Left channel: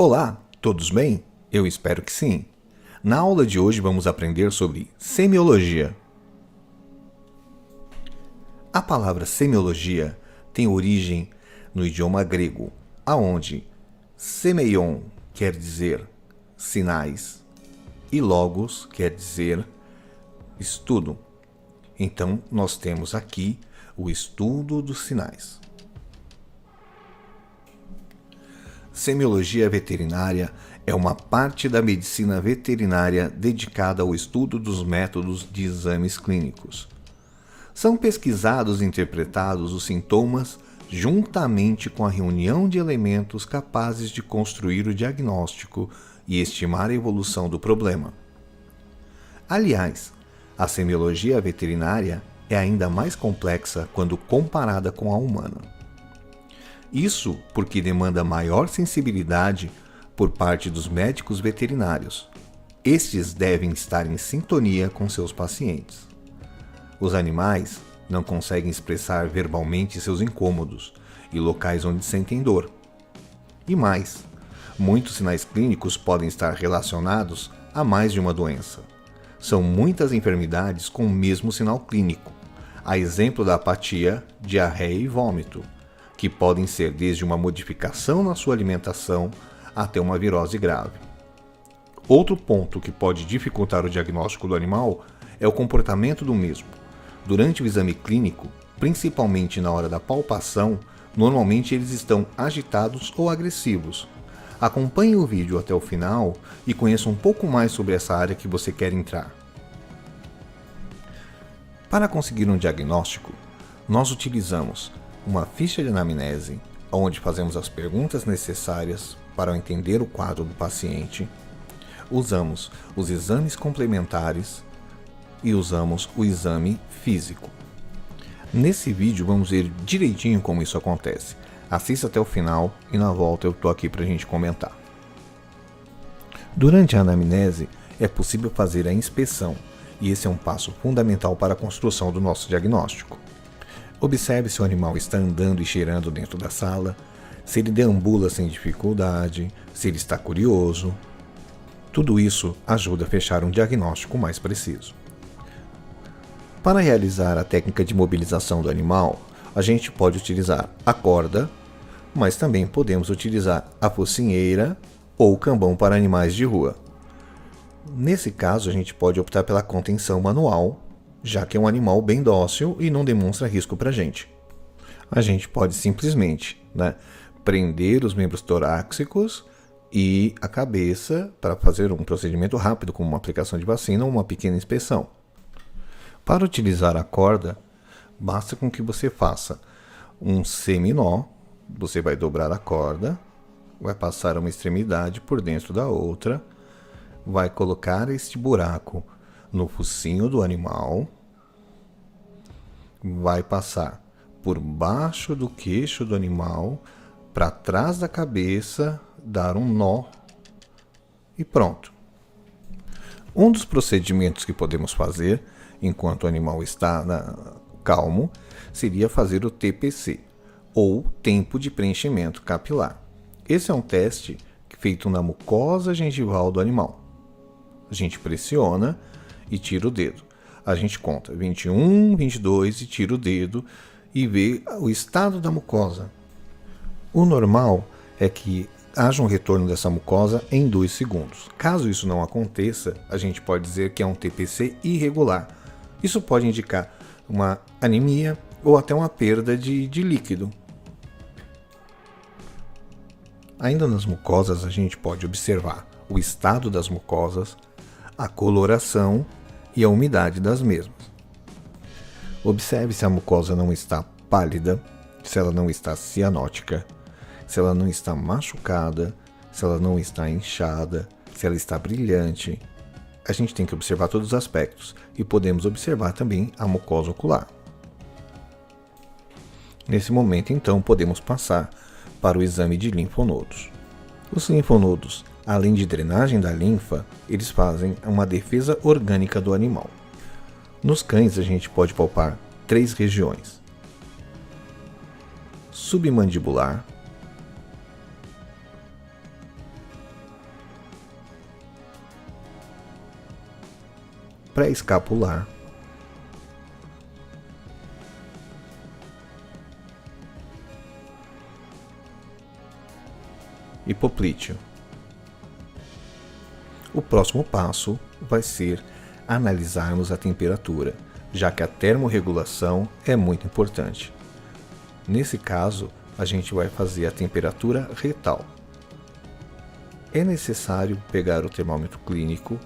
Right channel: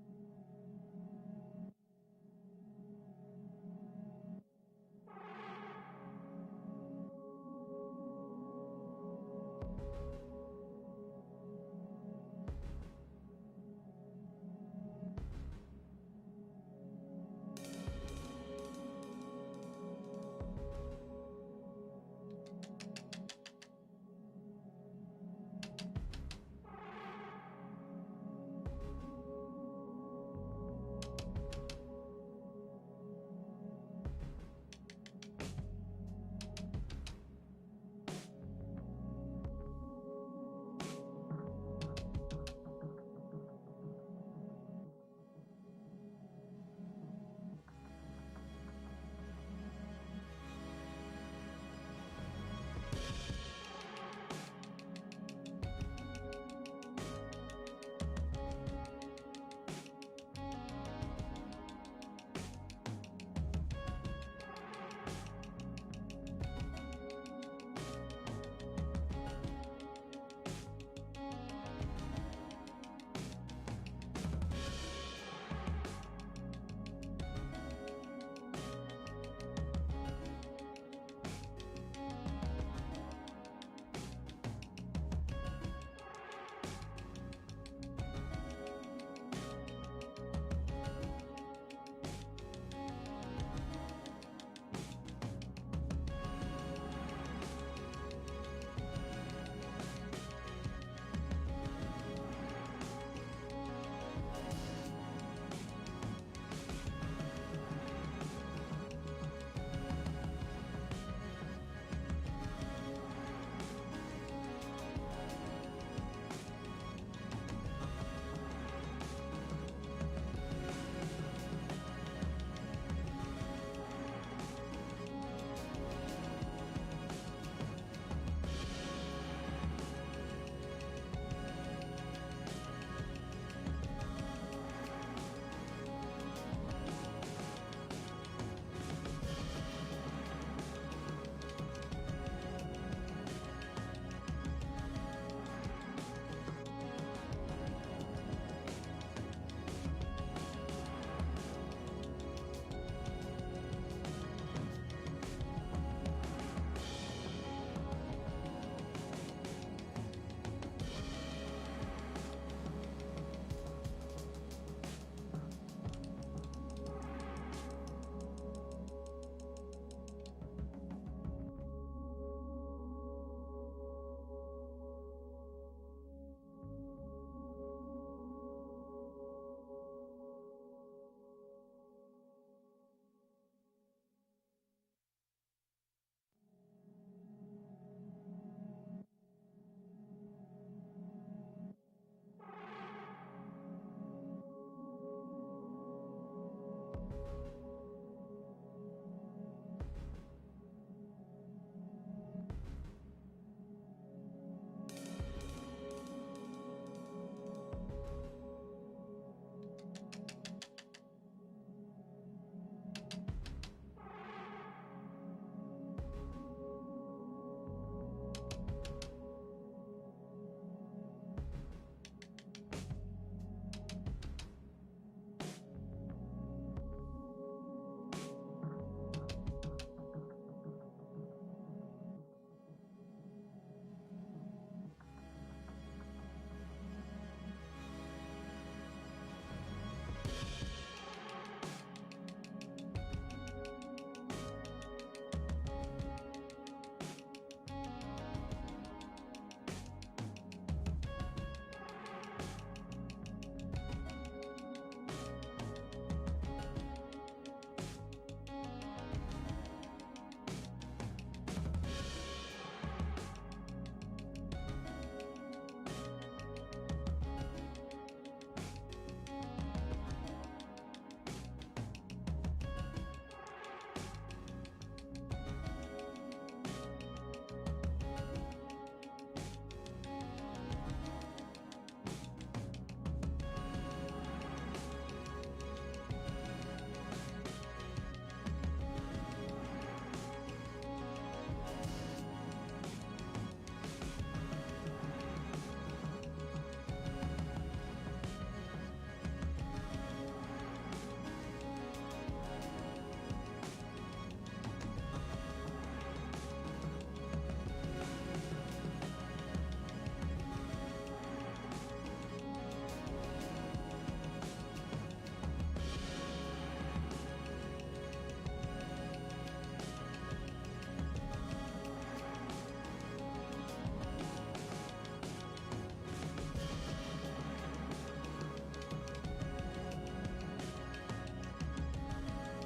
Olá, todos bem? Eu espero que sim. Na aula de hoje vamos aprender sobre semiologia. A palavra semiologia tem origem no idioma grego, aonde semeion quer dizer sinais e logos quer dizer estudo. Então, nós temos aqui o estudo dos sinais. Semiologia veterinária é uma parte da medicina veterinária dedicada ao estudo dos métodos de exames clínicos. São pesquisados e interpretados os sintomas juntamente com a reunião de elementos capazes de construir o diagnóstico e estimar a evolução do problema. Aliás, a semiologia veterinária é ainda mais complexa quando comparada com a humana. Isso porque demanda maior sensibilidade por parte dos médicos veterinários. Estes devem estar em sintonia com seus pacientes. Os animais não conseguem expressar verbalmente seus incômodos e locais onde sentem dor. E mais, muitos sinais clínicos podem estar relacionados a mais de uma doença. São muitas enfermidades com o mesmo sinal clínico, a exemplo da apatia, diarreia e vômito, que podem ser desde uma modificação na sua alimentação até uma virose grave. Outro ponto que pode dificultar o diagnóstico do animal é o comportamento do mesmo. Durante o exame clínico, principalmente na hora da palpação, normalmente eles estão agitados ou agressivos. Acompanhe o vídeo até o final e conheça um pouco mais sobre essa área que você quer entrar. Para conseguir um diagnóstico, nós utilizamos uma ficha de anamnese, onde fazemos as perguntas necessárias para entender o quadro do paciente. Usamos os exames complementares e usamos o exame físico. Nesse vídeo vamos ver direitinho como isso acontece. Assista até o final e na volta eu estou aqui para a gente comentar. Durante a anamnese é possível fazer a inspeção e esse é um passo fundamental para a construção do nosso diagnóstico. Observe se o animal está andando e cheirando dentro da sala, se ele deambula sem dificuldade, se ele está curioso. Tudo isso ajuda a fechar um diagnóstico mais preciso. Para realizar a técnica de mobilização do animal, a gente pode utilizar a corda, mas também podemos utilizar a focinheira ou o cambão para animais de rua. Nesse caso, a gente pode optar pela contenção manual, já que é um animal bem dócil e não demonstra risco para a gente. A gente pode simplesmente prender os membros torácicos e a cabeça para fazer um procedimento rápido, como uma aplicação de vacina ou uma pequena inspeção. Para utilizar a corda, basta com que você faça um seminó. Você vai dobrar a corda, vai passar uma extremidade por dentro da outra, vai colocar este buraco no focinho do animal, vai passar por baixo do queixo do animal, para trás da cabeça, dar um nó e pronto. Um dos procedimentos que podemos fazer enquanto o animal está calmo seria fazer o TPC, ou tempo de preenchimento capilar. Esse é um teste feito na mucosa gengival do animal. A gente pressiona e tira o dedo. A gente conta 21, 22 e tira o dedo e vê o estado da mucosa. O normal é que haja um retorno dessa mucosa em 2 segundos. Caso isso não aconteça, a gente pode dizer que é um TPC irregular. Isso pode indicar uma anemia ou até uma perda de líquido. Ainda nas mucosas, a gente pode observar o estado das mucosas, a coloração e a umidade das mesmas. Observe se a mucosa não está pálida, se ela não está cianótica, se ela não está machucada, se ela não está inchada, se ela está brilhante. A gente tem que observar todos os aspectos e podemos observar também a mucosa ocular. Nesse momento, então, podemos passar para o exame de linfonodos. Os linfonodos, além de drenagem da linfa, eles fazem uma defesa orgânica do animal. Nos cães, a gente pode palpar 3 regiões: submandibular, pré-escapular, e poplíteo. O próximo passo vai ser analisarmos a temperatura, já que a termorregulação é muito importante. Nesse caso, a gente vai fazer a temperatura retal. É necessário pegar o termômetro clínico,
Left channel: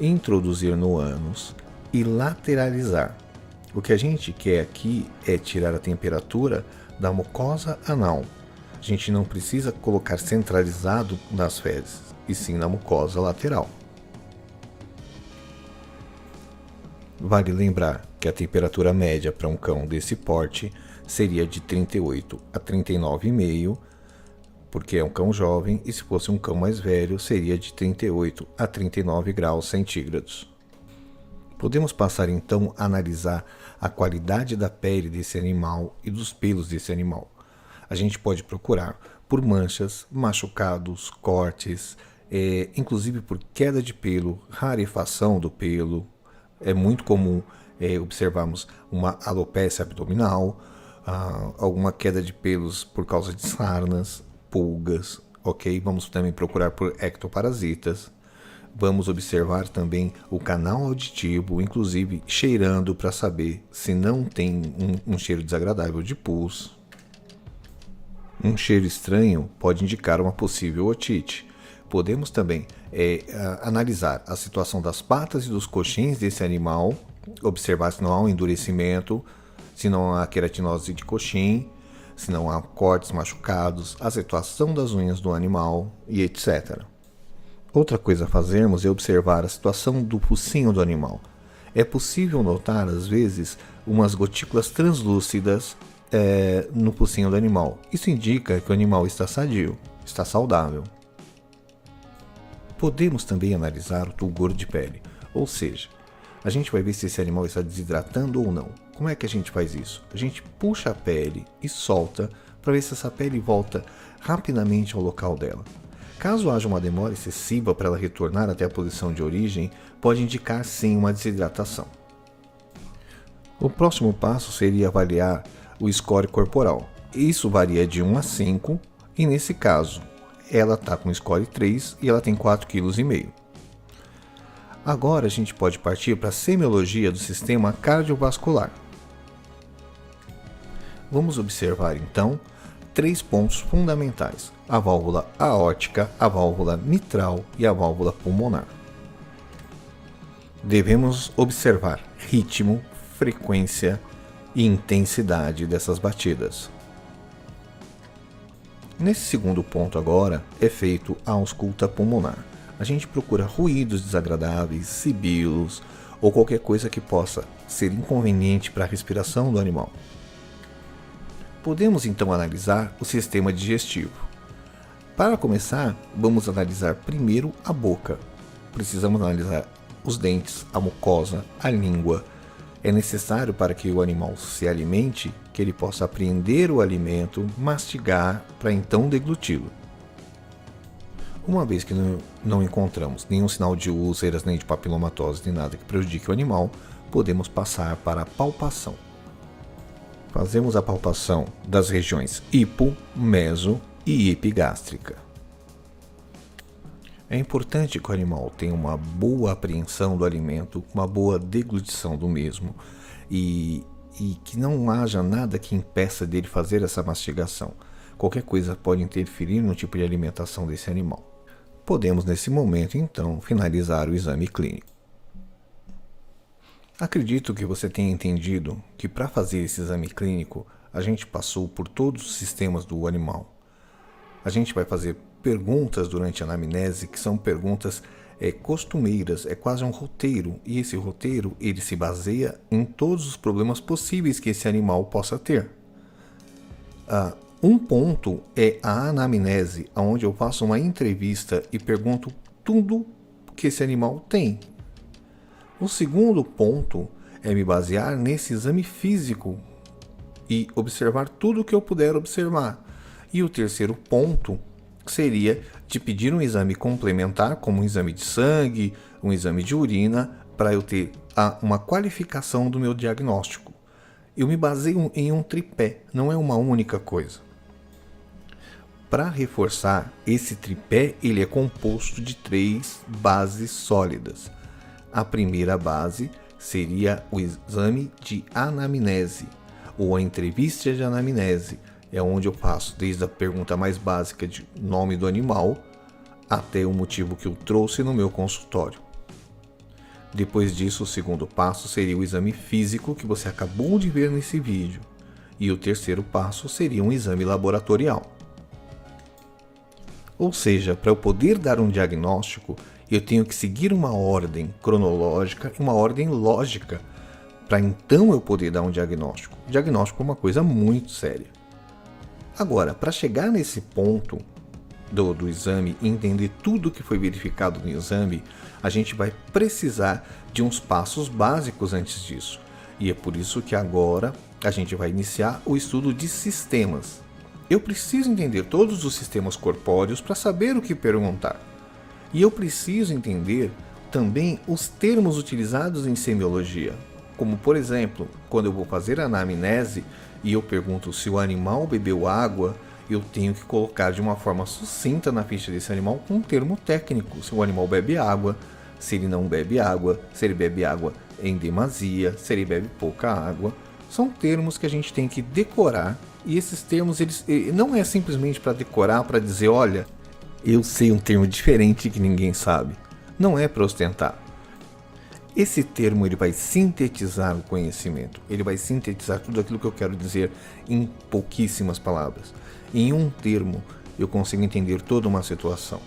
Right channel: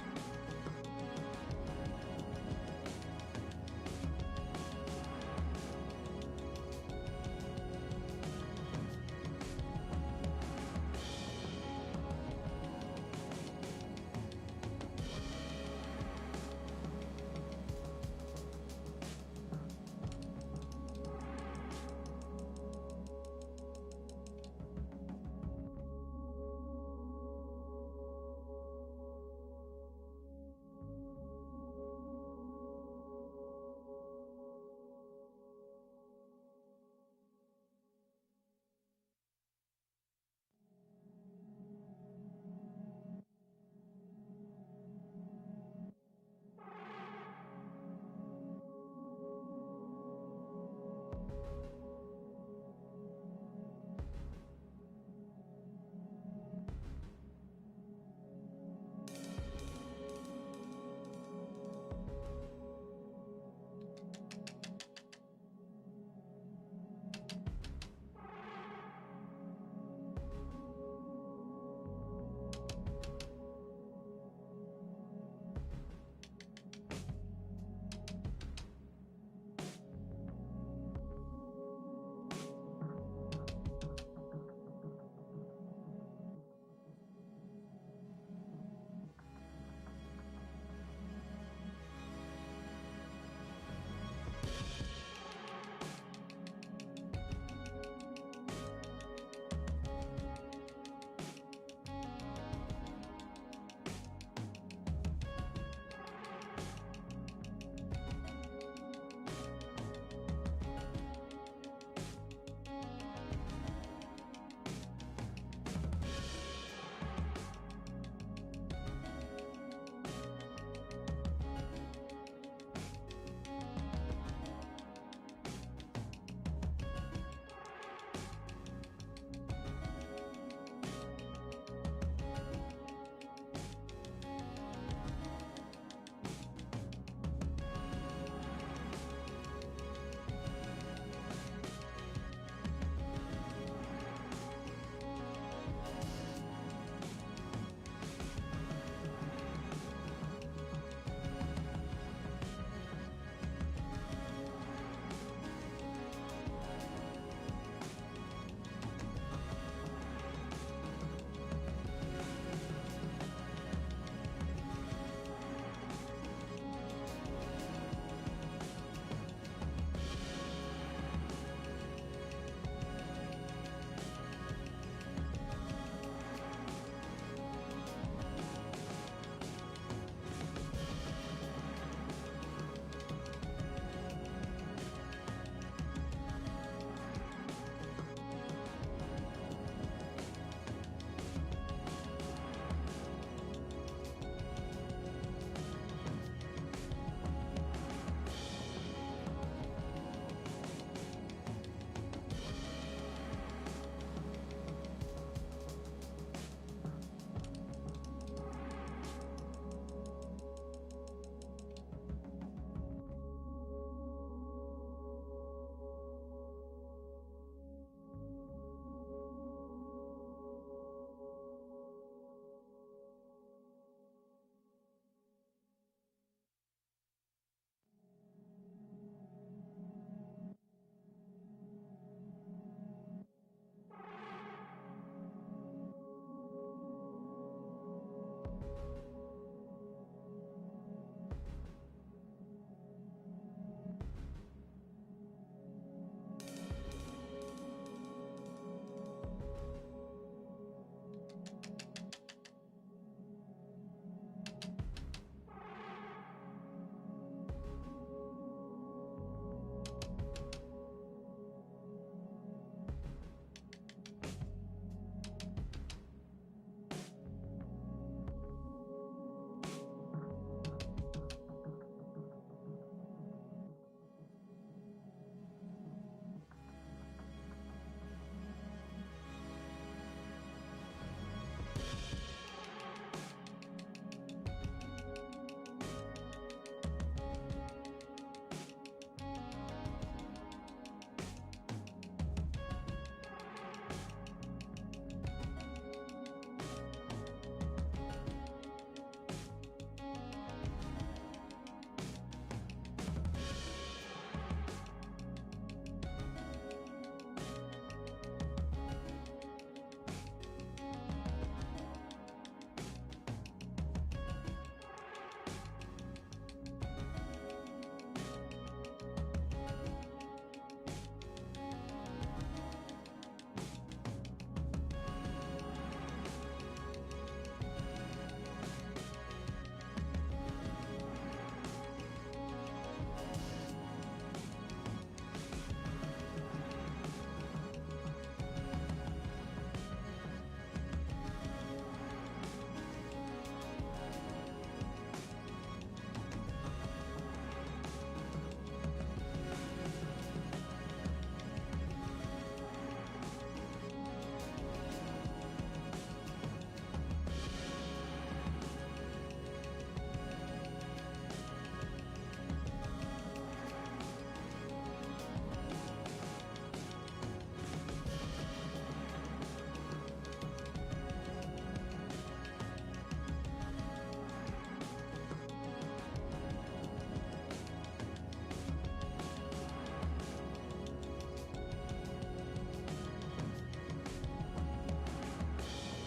introduzir no ânus e lateralizar. O que a gente quer aqui é tirar a temperatura da mucosa anal. A gente não precisa colocar centralizado nas fezes, e sim na mucosa lateral. Vale lembrar que a temperatura média para um cão desse porte seria de 38 a 39,5, porque é um cão jovem, e se fosse um cão mais velho, seria de 38 a 39 graus centígrados. Podemos passar então a analisar a qualidade da pele desse animal e dos pelos desse animal. A gente pode procurar por manchas, machucados, cortes, inclusive por queda de pelo, rarefação do pelo. É muito comum observarmos uma alopécia abdominal, alguma queda de pelos por causa de sarnas, pulgas, ok? Vamos também procurar por ectoparasitas. Vamos observar também o canal auditivo, inclusive cheirando para saber se não tem um cheiro desagradável de pus. Um cheiro estranho pode indicar uma possível otite. Podemos também analisar a situação das patas e dos coxins desse animal, observar se não há um endurecimento, se não há queratinose de coxim, se não há cortes machucados, a situação das unhas do animal e etc. Outra coisa a fazermos é observar a situação do focinho do animal. É possível notar, às vezes, umas gotículas translúcidas no focinho do animal. Isso indica que o animal está sadio, está saudável. Podemos também analisar o tulgor de pele, ou seja, a gente vai ver se esse animal está desidratando ou não. Como é que a gente faz isso? A gente puxa a pele e solta para ver se essa pele volta rapidamente ao local dela. Caso haja uma demora excessiva para ela retornar até a posição de origem, pode indicar sim uma desidratação. O próximo passo seria avaliar o score corporal. Isso varia de 1 a 5 e nesse caso ela está com score 3 e ela tem 4,5 kg. Agora a gente pode partir para a semiologia do sistema cardiovascular. Vamos observar então 3 pontos fundamentais: a válvula aórtica, a válvula mitral e a válvula pulmonar. Devemos observar ritmo, frequência e intensidade dessas batidas. Nesse segundo ponto agora é feito a ausculta pulmonar. A gente procura ruídos desagradáveis, sibilos ou qualquer coisa que possa ser inconveniente para a respiração do animal. Podemos então analisar o sistema digestivo. Para começar, vamos analisar primeiro a boca. Precisamos analisar os dentes, a mucosa, a língua. É necessário para que o animal se alimente que ele possa apreender o alimento, mastigar para então degluti-lo. Uma vez que não encontramos nenhum sinal de úlceras, nem de papilomatose, nem nada que prejudique o animal, podemos passar para a palpação. Fazemos a palpação das regiões hipo, meso e epigástrica. É importante que o animal tenha uma boa apreensão do alimento, uma boa deglutição do mesmo e que não haja nada que impeça dele fazer essa mastigação. Qualquer coisa pode interferir no tipo de alimentação desse animal. Podemos, nesse momento, então, finalizar o exame clínico. Acredito que você tenha entendido que para fazer esse exame clínico, a gente passou por todos os sistemas do animal. A gente vai fazer perguntas durante a anamnese que são perguntas costumeiras, é quase um roteiro, e esse roteiro ele se baseia em todos os problemas possíveis que esse animal possa ter. Um ponto é a anamnese, onde eu faço uma entrevista e pergunto tudo que esse animal tem. O segundo ponto é me basear nesse exame físico e observar tudo o que eu puder observar. E o terceiro ponto seria de pedir um exame complementar, como um exame de sangue, um exame de urina, para eu ter uma qualificação do meu diagnóstico. Eu me baseio em um tripé, não é uma única coisa. Para reforçar, esse tripé ele é composto de 3 bases sólidas. A primeira base seria o exame de anamnese, ou a entrevista de anamnese, é onde eu faço desde a pergunta mais básica de nome do animal até o motivo que eu trouxe no meu consultório. Depois disso, o segundo passo seria o exame físico que você acabou de ver nesse vídeo, e o terceiro passo seria um exame laboratorial. Ou seja, para eu poder dar um diagnóstico, eu tenho que seguir uma ordem cronológica e uma ordem lógica, para então eu poder dar um diagnóstico. O diagnóstico é uma coisa muito séria. Agora, para chegar nesse ponto do exame e entender tudo que foi verificado no exame, a gente vai precisar de uns passos básicos antes disso. E é por isso que agora a gente vai iniciar o estudo de sistemas. Eu preciso entender todos os sistemas corpóreos para saber o que perguntar. E eu preciso entender também os termos utilizados em semiologia. Como, por exemplo, quando eu vou fazer a anamnese e eu pergunto se o animal bebeu água, eu tenho que colocar de uma forma sucinta na ficha desse animal com um termo técnico. Se o animal bebe água, se ele não bebe água, se ele bebe água em demasia, se ele bebe pouca água. São termos que a gente tem que decorar, e esses termos eles não é simplesmente para decorar, para dizer, olha, eu sei um termo diferente que ninguém sabe. Não é para ostentar. Esse termo ele vai sintetizar o conhecimento, ele vai sintetizar tudo aquilo que eu quero dizer em pouquíssimas palavras. Em um termo eu consigo entender toda uma situação.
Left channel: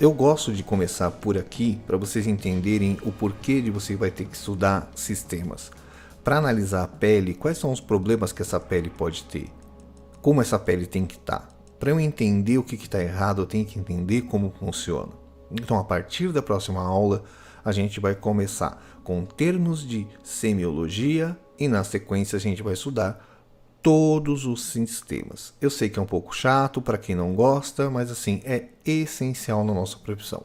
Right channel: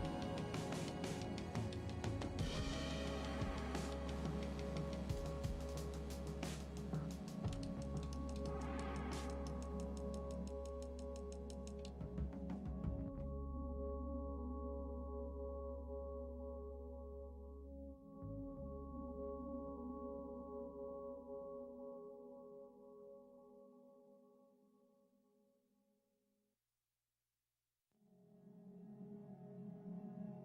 Eu gosto de começar por aqui para vocês entenderem o porquê de você vai ter que estudar sistemas. Para analisar a pele, quais são os problemas que essa pele pode ter? Como essa pele tem que estar? Para eu entender o que está errado, eu tenho que entender como funciona. Então, a partir da próxima aula, a gente vai começar com termos de semiologia e na sequência a gente vai estudar todos os sistemas. Eu sei que é um pouco chato para quem não gosta, mas assim, é essencial na nossa profissão,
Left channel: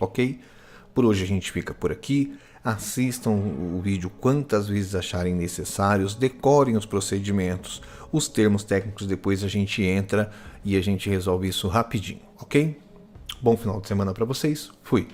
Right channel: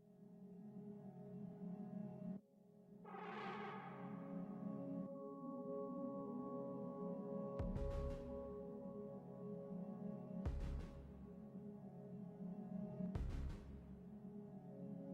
ok? Por hoje a gente fica por aqui. Assistam o vídeo quantas vezes acharem necessários, decorem os procedimentos, os termos técnicos, depois a gente entra e a gente resolve isso rapidinho, ok? Bom final de semana para vocês, fui!